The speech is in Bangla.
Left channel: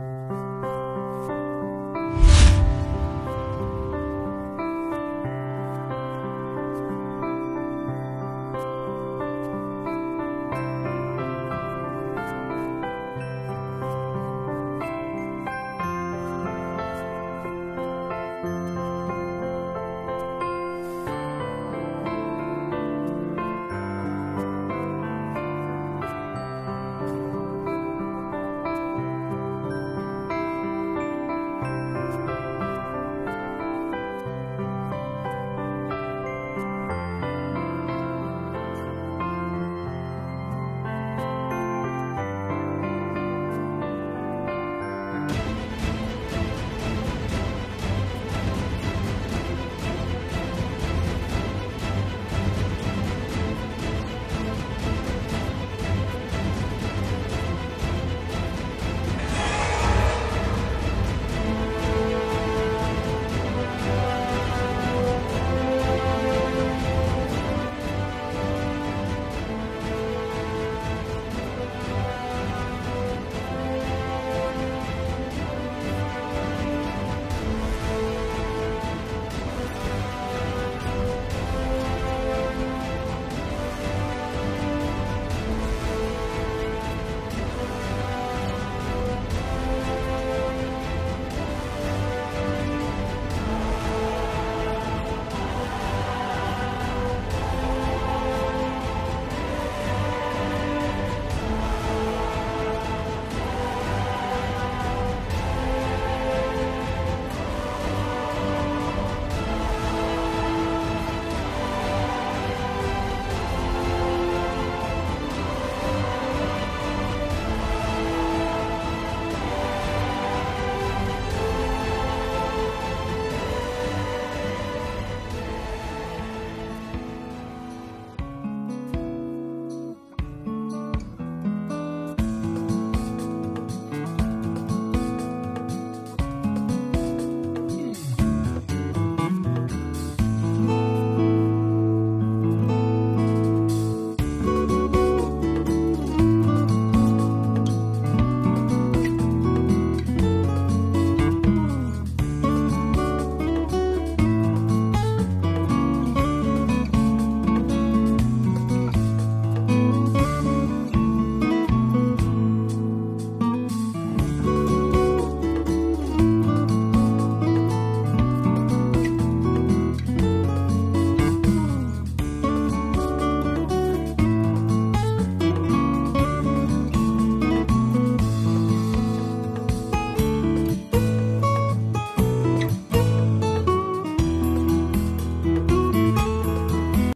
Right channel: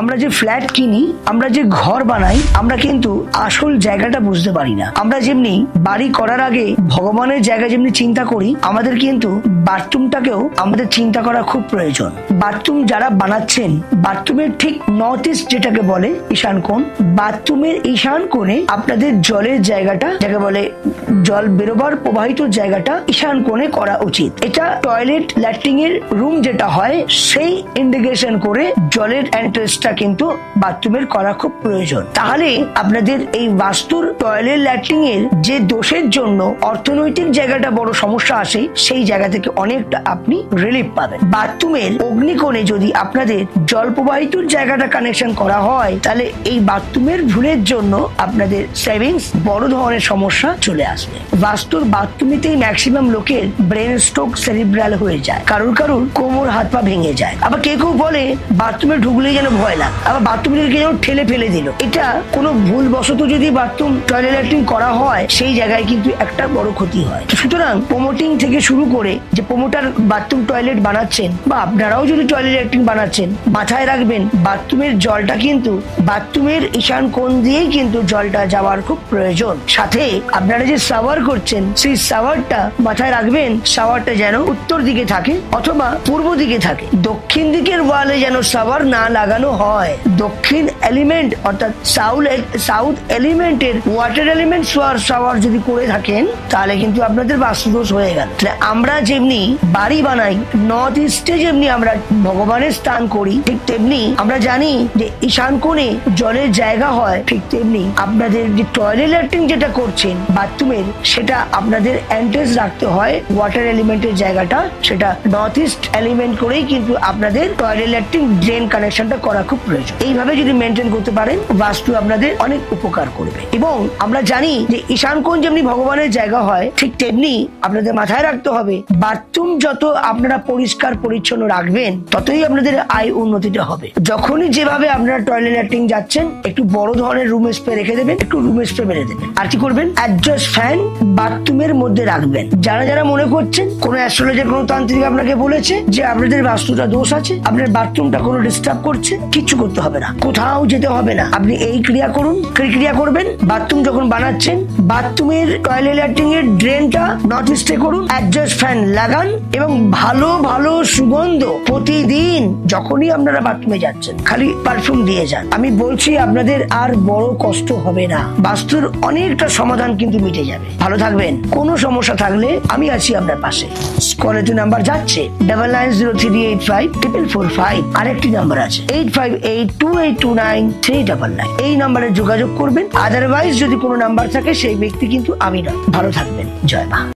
আমরা যে ফ্ল্যাট কিনি, আমরা যে ঘর বানাই, আমরা কিন্তু আসল জায়গাটা বুঝতে পারি না। আমরা যেমনি বাড়ি করার আগে ভগবানের জায়গা যেমনি চিন্তা করি, আমাদের কিন্তু বাথরুমটাকেও আমাদের চিন্তা করা খুব প্রয়োজন। বাথরুম যারা বানাচ্ছেন, বাথরুমের ঠিক নর্থ ইস্ট যেটাকে বলে ঈশান কোণ, বাথরুমের ঈশান কোণে আপনাদের জলের জায়গাটা, যাকে বলে জল বেরোবার প্রবাহিত জায়গাটা, ঈশান কোণে করা উচিত। এটা টয়লেট ল্যাট্রিন এর রুম যেটা হয় সেই ইন্ডিকেশন করে জলের এন্ট্রেন্সটা কিন্তু বাথরুমের করা খুব প্রয়োজন। তাহলে আপনাদের এই বাস্তুর টয়লেট ল্যাট্রিন এর যে দোষের জন্য অর্থনৈতিক জায়গাটা বড় সমস্যা আসে, সেই জায়গা থেকে অনেকটা আপনি রিলিফ পাবেন। বাথরুমের অগ্নিকোণে যদি আপনাদের জল প্রবাহিত জায়গাটা কানেকশন করা হয়, তাহলে এই বাথরুমের ভুলের জন্য আপনাদের সেভিংস বড় ধরনের সমস্যা চলে আসবে। বাস্তুর বাথরুমেতেই ম্যাক্সিমাম লোকের ব্রেন স্ট্রোক, সেরিব্রাল হয়ে যায়, কারুর কারুর কোমর হাত পা ভেঙে যায়। আবার কেউ কেউ বলে বাথরুমে ঢুকলেই যেন ভয় লাগে, আবার বাথরুমে যেন ঠেলে ফেলে দিল। এটা কোনো ভুল বশত যদি বাথরুম টয়লেট ল্যাট্রিন করা হয়, সেই জায়গায় কিন্তু একটা বড় ক্ষতি হয়। সুতরাং প্রমোটিং থেকে শুরু করে যে প্রমোটার বাথরুম টয়লেট বানাচ্ছেন, বা আপনারাও যদি টয়লেট ল্যাট্রিন বানাচ্ছেন, মাথায় রাখবেন বাথরুমের জলটা কিন্তু বাথরুমের ঈশান কোণ দিয়েই কিন্তু জলটা যাওয়ার খুব প্রয়োজন। সাথে আপনারা যে শাওয়ার করছেন, সেই শাওয়ারটা মাথায় রাখবেন, শাওয়ারটা যেন উত্তর দিকে থাকে অথবা পূর্ব দিকে থাকে। দক্ষিণ দিকের ওয়ালে যেন শাওয়ার না লাগানো হয়। দক্ষিণ এলিমেন্ট অর্থাৎ সাউথ এলিমেন্টের ওয়াটার এলিমেন্ট শাওয়ার যদি করে থাকেন, তাহলে কিন্তু আপনাদের বাস্তুদোষ হয়ে গেল। আমরা যেমনি বাড়ি বানাই, নর্থ ইস্টে যেমনি আমরা ভগবানের স্থান করি, ঠিক তেমনি আমরা জানি যে ঈশান কোণে জলের জায়গা হয়, ঠিক তেমনি আপনাদের যে টয়লেট ল্যাট্রিন যেটা করছেন বাথরুমের, সেটা আপনাদের এন্ট্রেন্স রাখতে হয় ওয়াটার এলিমেন্টের জায়গাটা, সেটা নর্থ ইস্ট এলিমেন্ট করেই কিন্তু আপনাদের টয়লেট ল্যাট্রিন ড্রেন কানেকশনটা করা খুব প্রয়োজন। এইভাবে যদি মেনটেন করতে পারেন, বাস্তু আপনাদের অনেক উপকার করবে। এবং আমরা জানি যে ঈশান কোণ যেমনি ভগবানের জায়গা হয়, ঠিক তেমনি আপনাদের মাথায় রাখতে হবে বাথরুম যত আপনারা পরিষ্কার পরিচ্ছন্ন রাখবেন, ততই আপনাদের আয় উন্নতিটা হবে। যখনই যেভাবে আপনারা টয়লেট ল্যাট্রিন যাচ্ছেন, একটু বড় ধরনের রুম স্প্রে রেখে দেবেন, একটু রুম স্প্রে মেরে দেবেন। আর কি করবেন, অ্যাডজাস্ট ফ্যান বাথরুমের মধ্যে রাখবেন। যারা যারা মনে করছেন কোন অ্যাস্ট্রোলজার, কোন তান্ত্রিক আপনাকে বলেছে যে আপনাদের বাস্তুটা দোষ আছে, আপনার বাথরুমটা কোনো ডিস্টার্ব করছে, কিচ্ছু করতে হবে না, কোথাও যেতে হবে না। আপনি এই ক্রিয়া করুন, ক্রিয়া করবেন। বাথরুম যখন বানাচ্ছেন, বাথরুমের টয়লেট ল্যাট্রিন এর ড্রেনটা নর্থ ইস্টে করুন, অ্যাডজাস্ট ফ্যান লাগান এবং ভালো ভালো সুগন্ধ প্রতিদিন যখনই আপনারা বাথরুমে যাচ্ছেন খালি পারফিউম দিয়ে যান। আমি বলছি আপনাদের আর বড় কষ্ট হবে না, বাস্তুর অনেকটা সমাধান কিন্তু মিটে যাবে। ভালো থাকবেন। কোনো সমস্যা থাকলে আমি আছি আপনার পাশে। স্ক্রলে যে নাম্বার যাচ্ছে 9903854445, আরেকটি নাম্বার আছে 8582829399, এই নাম্বারে যোগাযোগ করবেন। আদারওয়াইজ যদি কোনো নাম্বার থাকে, সেই ব্যক্তি কিন্তু আমি না। ভালো থাকবেন। জয় মা।